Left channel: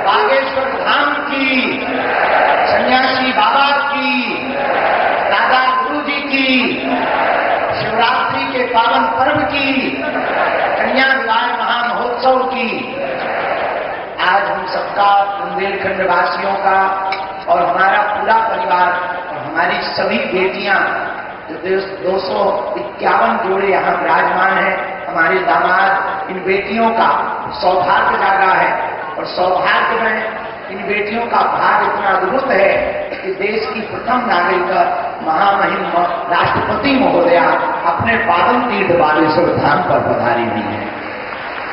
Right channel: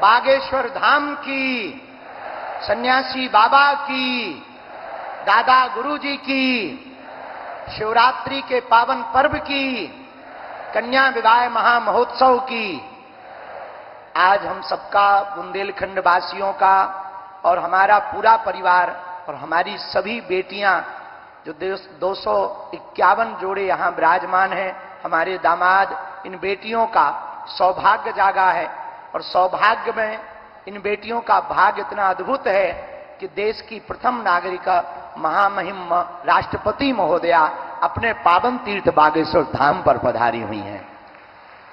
बागेश्वर धाम की, सन्यासी बाबा की, दादा गुरु जी की, शिवरात्रि के पावन पर्व की, कन्या विवाह महामहोत्सव की। आज हम सबका, बुंदेलखंड वासियों का और हमारा पूरा परिवार और हमारी सभी बेटियां, 251 जोड़े यहाँ विराजमान हैं, हमारे दामाद, इन बेटियों का सौभाग्य जागा है। और सौभाग्य में इन बेटियों का भाग्य इतना अद्भुत है कि देश की प्रथम नागरिक महामहिम राष्ट्रपति महोदया अपने पावन तीर्थ बागेश्वर धाम पर पधारी हुई है।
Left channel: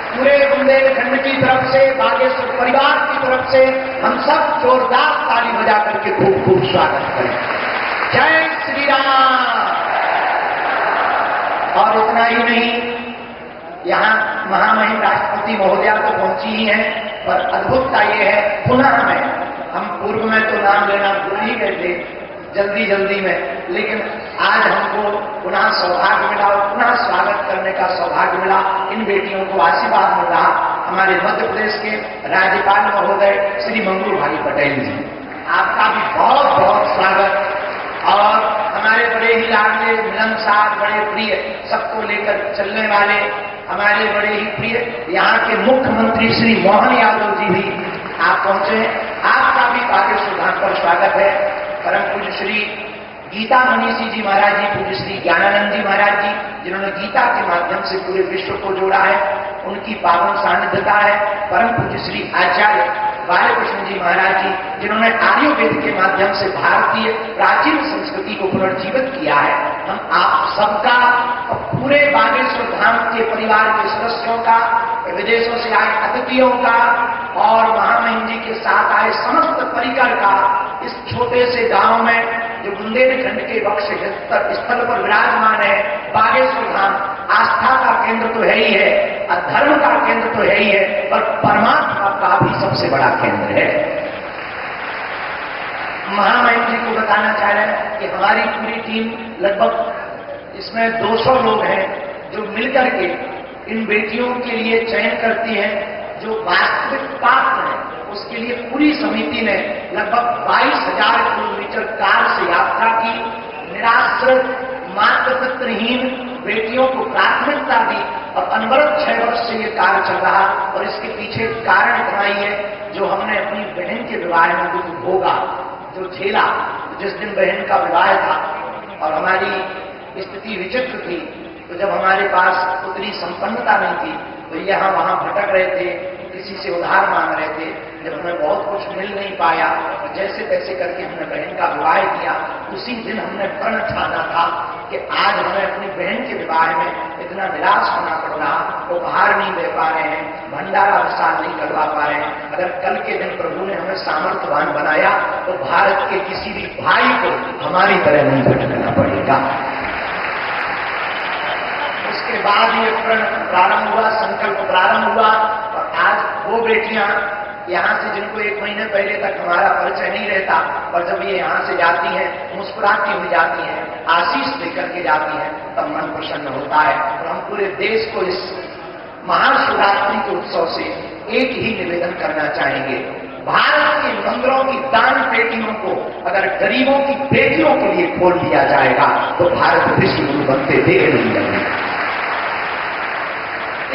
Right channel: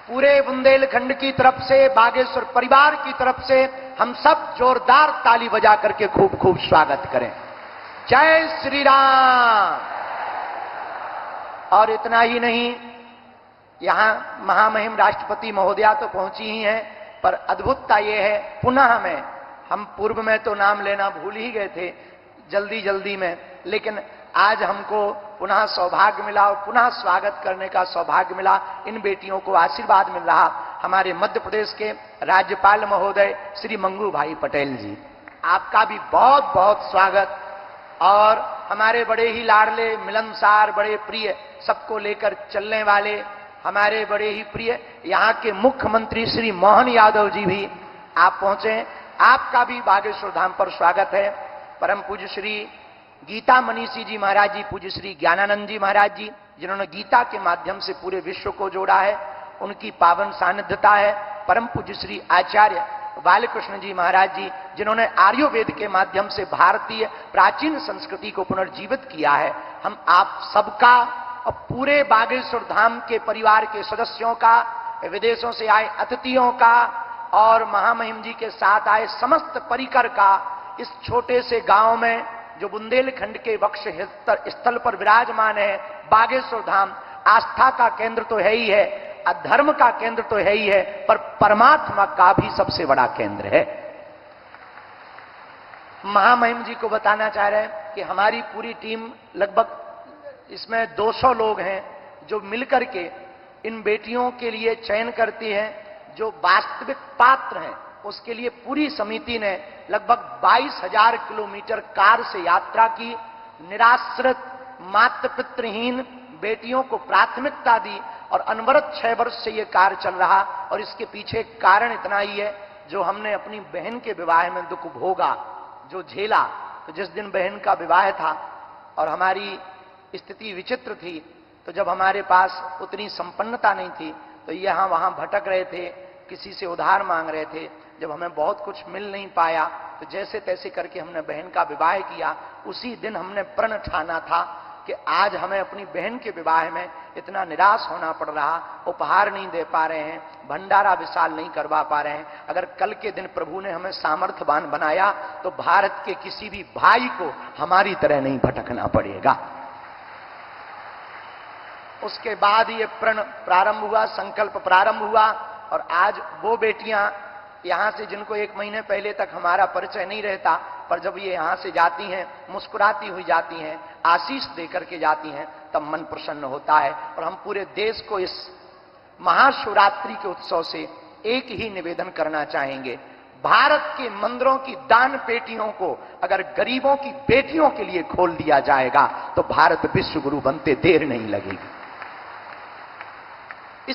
पूरे बुंदेलखंड की तरफ से, बागेश्वर परिवार की तरफ से हम सब जोरदार ताली बजा करके खूब खूब स्वागत करें। जय श्री राम। और इतना ही नहीं, यहाँ महामहिम राष्ट्रपति महोदया तो पहुंची ही है, पर अद्भुतता ये है, पुनः में हम पूर्व में तो नाम लेना भूल ही गए थे जल्दी में, लेकिन आज हमको पुनः सौभाग्य मिला और पुनः स्वागत करने का सौभाग्य मिला। इन बेटियों को आशीर्वाद मिला हमारे मध्य प्रदेश के राज्यपाल महोदय श्री मंगू भाई पटेल जी, आपका भी बहुत बहुत स्वागत। और हमारे बड़े ही लाडले, मिलनसार, बड़े प्रिय, सबको लेकर चलने वाले हमारे बड़े ही प्रिय यहाँ के मुख्यमंत्री श्री मोहन यादव जी भी आप पहुंचे हैं। आपका भी बागेश्वर धाम पर स्वागत है। परम पूज्य श्री गीता मनीषी जी महाराज जी, पूज्य श्री ज्ञानानंद जी महाराज जी, जिन्होंने गीता के माध्यम से पूरे विश्व को जोड़ा है, उनकी पावन सानिध्यता है। परम पूज्य श्री आचार्य बालकृष्ण जी महाराज जी, जिन्होंने आयुर्वेद के माध्यम से भारतीय प्राचीन संस्कृति को पुनर्जीवित किया है। हम आप सबका और पूरे बागेश्वर धाम के परिवार के सदस्यों का, विदेशों से आए अतिथियों का और महामहिम जी के साथ आए समस्त परिकर का इस छोटे से गांव में जो बुंदेलखंड के बक्स स्थल पर विराजमान है, बागेश्वर धाम आस्था का केंद्र तो है ही है, धर्म का केंद्र तो है ही है, पर परमात्मा का भी सबसे बड़ा केंद्र है। महामहिम जी को बताना चाह रहे हैं कि हमारी पूरी टीम लगभग इसमें 200 लोग हैं जो मिलकर के इन बेटियों के लिए चयन करती है। जो वास्तविक पात्र है उसके लिए पूरी समिति ने लगभग 22,000 किलोमीटर कार से यात्रा की। निराश्रित, मातृत्वहीन बेटियों को प्राथमिकता दी और अनवरत 6 वर्ष से ये कार्य चल रहा। और इसके पीछे कारण इतना ही है, जो हमने अपनी बहन के विवाह में दुख भोगा, जो झेला, जिस दिन बहन का विवाह था और हमारी स्थिति विचित्र थी, तो जब हमारे पास उतनी संपन्नता नहीं थी तो ये हम वहां भटक रहे थे, किसी से उधार मांग रहे थे, जब हमें बहुत कुछ मिल नहीं पाया तो जैसे तैसे करके हमने बहन का विवाह किया। उसी दिन हमने प्रण ठाना था कि आज हमें अपनी बहन के विवाह में इतना निराश होना पड़ रहा, वो बाहर नहीं दे पा रहे हैं, भंडारा विशाल नहीं करवा पा रहे हैं। अगर कल के दिन प्रभु ने हमें सामर्थ्यवान बनाया तो भारत के किसी भी भाई को हमारी तरह नहीं भटकना पड़ेगा। उसके बाद ये प्रण प्रारंभ हुआ, संकल्प प्रारंभ हुआ और आज वो बेटियां यहाँ से, जिनको 1 महीने पहले तक हमारा परिचय नहीं रहता, और जब ये यहाँ से जाती हैं, मुस्कुराती हुई जाती हैं, आशीष लेकर के जाती हैं, तब मन प्रसन्न होता है। तो हम पूरे देश को इस महाशिवरात्रि के उत्सव से एक ही निवेदन करना चाहेंगे, भारत के मंदिरों की दान पेटियों को अगर गरीबों की बेटियों के लिए खोल दिया जाएगा तो भारत विश्व गुरु बनते देर नहीं लगेगा।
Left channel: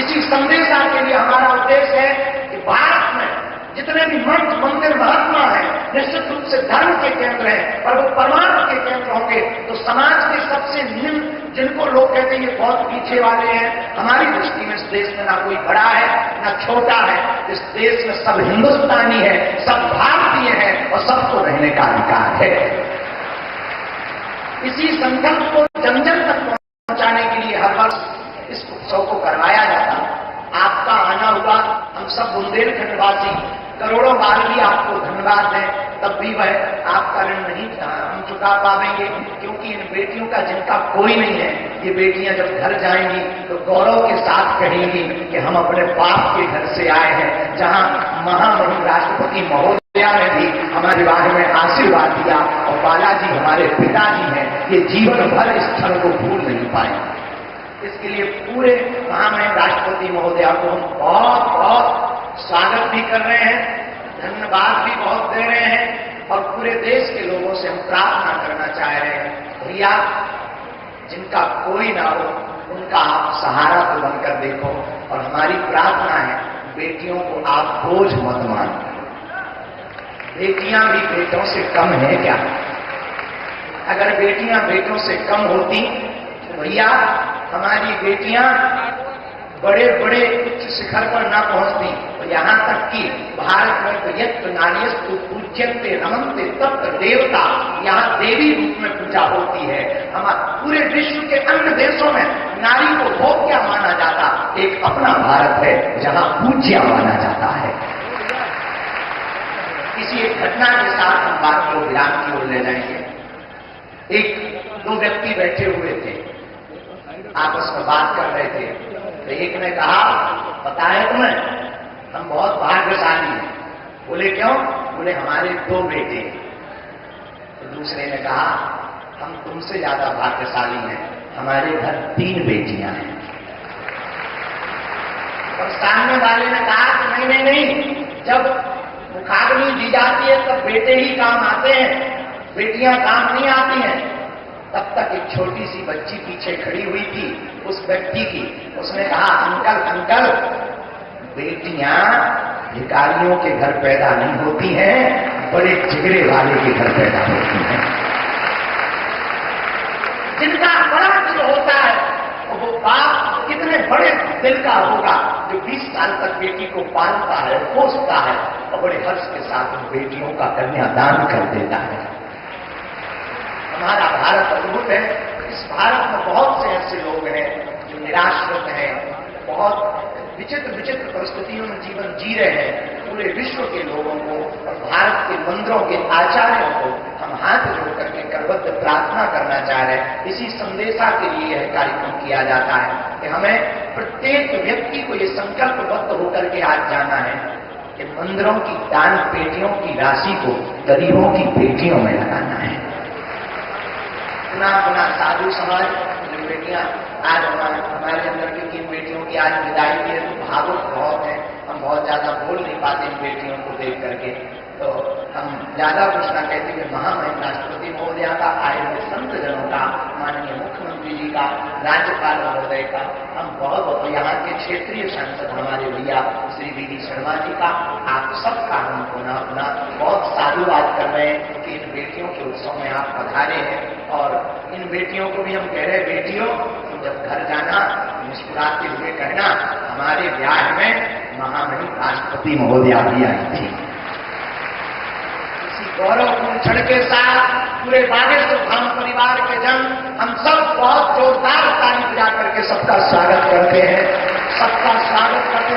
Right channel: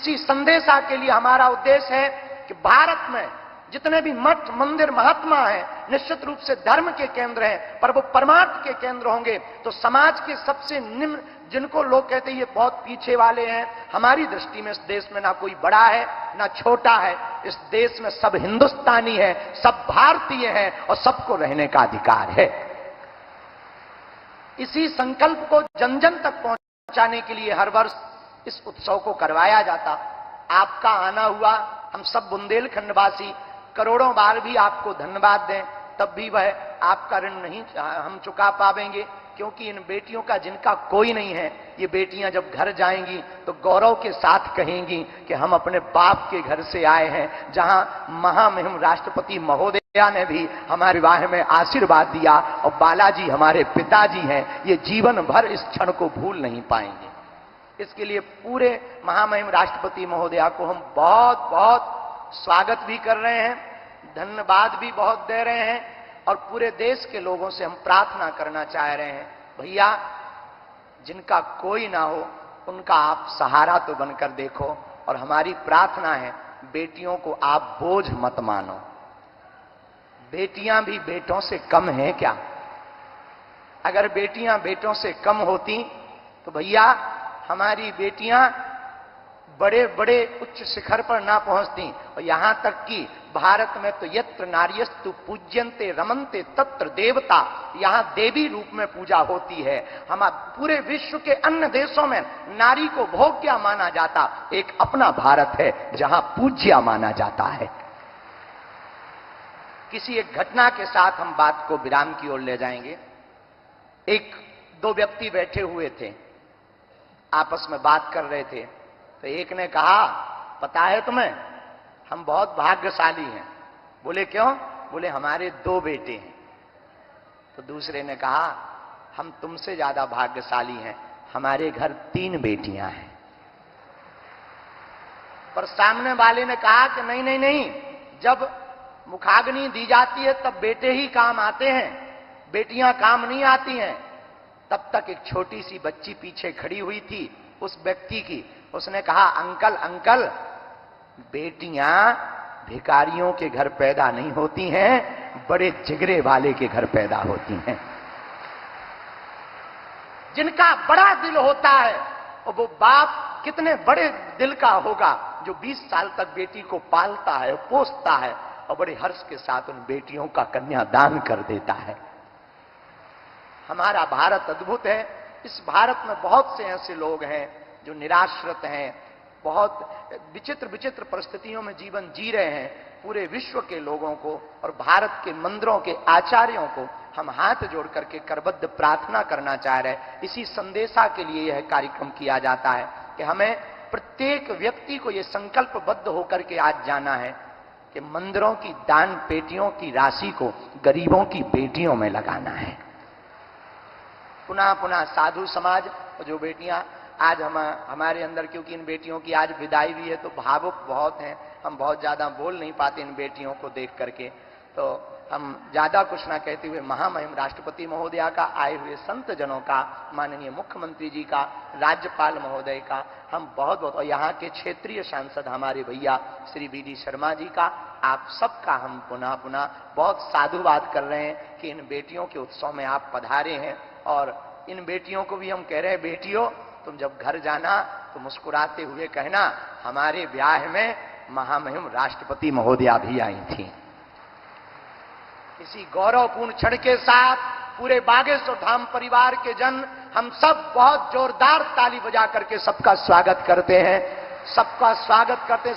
इसी संदेशा के लिए हमारा उद्देश्य है कि भारत में जितने भी मठ, मंदिर, महात्मा हैं, निश्चित रूप से धर्म के केंद्र हैं, पर वो परमार्थ के केंद्र होंगे तो समाज के सबसे निम्न, जिनको लोग कहते हैं ये बहुत पीछे वाले हैं, हमारी दृष्टि में इस देश में ना कोई बड़ा है ना छोटा है, इस देश में सब हिंदुस्तानी है, सब भारतीय है और सबको रहने का अधिकार है। इसी संकल्प को जन जन तक पहुंचाने के लिए हर वर्ष इस उत्सव को करवाया जाता है। आपका आना हुआ, हम सब बुंदेलखंडवासी करोड़ों बार भी आपको धन्यवाद दें, तब भी वह आपका ऋण नहीं हम चुका पाएंगे, क्योंकि इन बेटियों का जिनका कोई नहीं है, ये बेटियां जब घर जाएंगी तो गौरव के साथ कहेंगी कि हम अपने बाप के घर से आए हैं, जहां महामहिम राष्ट्रपति महोदया ने भी हमारे बारे में आशीर्वाद दिया और बालाजी हमारे पिताजी हैं, ये जीवन भर इस क्षण को भूल नहीं पाए। इसके लिए पूरे महामहिम राष्ट्रपति महोदया को हम बहुत बहुत स्वागत भी कर रहे हैं, धन्यवाद भी बहुत दे रहे हैं और पूरे देश के लोगों से हम प्रार्थना करना चाह रहे हैं, भैया जिनका कोई ना हो उनका आप सहारा तो बनकर देखो। और हमारी प्रार्थना है, बेटियों को आप बोझ मत मानो। बेटियां भी बेटों से कम है क्या? अगर बेटियां बेटों से कम होती तो भैया हमारी बेटियां बड़े बड़े उच्च शिखर पर ना पहुंचती। यहां तक कि भारत में तो यज्ञ नार्यस्तु पूज्यन्ते नमन्ते तत्र देवता, यहाँ देवी रूप में पूजा होती है। हमारे पूरे विश्व के अन्य देशों में नारी को भोग्य माना जाता, एक अपना भारत है जहां पूज्य माना जाता है। इसी एक घटना के साथ हम बात को विराम की ओर ले जाएंगे। एक दो व्यक्ति बैठे हुए थे, आपस में बात कर रहे थे, तो एक ने कहा, पता है तुम्हें हम बहुत भाग्यशाली हैं। बोले क्यों? बोले हमारे 2 बेटे हैं। तो दूसरे ने कहा, हम तुमसे ज्यादा भाग्यशाली हैं, हमारे घर 3 बेटियां हैं। और सामने वाले ने कहा कि नहीं नहीं नहीं, जब मुखाग्नि दी जाती है तब बेटे ही काम आते हैं, बेटियां काम नहीं आती हैं। तब तक एक छोटी सी बच्ची पीछे खड़ी हुई थी उस व्यक्ति की, उसने कहा, अंकल अंकल, बेटियां भिखारियों के घर पैदा नहीं होती हैं, बड़े जिगरे वाले के घर पैदा होती हैं। जिनका बड़ा दिल होता है तो वो बाप कितने बड़े दिल का होगा जो 20 साल तक बेटी को पालता है, पोसता है और बड़े हर्ष के साथ बेटियों का कन्यादान कर देता है। हमारा भारत अद्भुत है। इस भारत में बहुत से ऐसे लोग हैं जो निराश्रित हैं, बहुत विचित्र विचित्र परिस्थितियों में जीवन जी रहे हैं। पूरे विश्व के लोगों को और भारत के मंदिरों के आचार्यों को हम हाथ जोड़ करके करबद्ध प्रार्थना करना चाह रहे हैं। इसी संदेशा के लिए यह कार्यक्रम किया जाता है कि हमें प्रत्येक व्यक्ति को ये संकल्पबद्ध होकर के आज जाना है कि मंदिरों की दान पेटियों की राशि को गरीबों की बेटियों में लगाना है। पुनः साधु समाज जो बेटियां आज हमारे अंदर की 3 बेटियों की आज विदाई के तो भावुक बहुत है, हम बहुत ज्यादा बोल नहीं पाते इन बेटियों को देख करके, तो हम ज्यादा कुछ न कहते कि महामहिम राष्ट्रपति महोदया का, आए हुए संत जनों का, माननीय मुख्यमंत्री जी का, राज्यपाल महोदय का, हम बहुत यहाँ के क्षेत्रीय सांसद हमारे भैया श्री वी शर्मा जी का, आप सबका हम पुनः बहुत साधुवाद कर रहे हैं कि इन बेटियों के उत्सव में आप पधारे हैं। और इन बेटियों को भी हम कह रहे हैं, बेटियों जब घर जाना मुस्कुराते हुए कहना, हमारे ब्याह में महामहिम राष्ट्रपति महोदया भी आई थी। इसी गौरवपूर्ण क्षण के साथ पूरे बागेश्वर धाम परिवार के जन हम सब बहुत जोरदार ताली बजा करके सबका स्वागत करते हैं, सबका स्वागत करते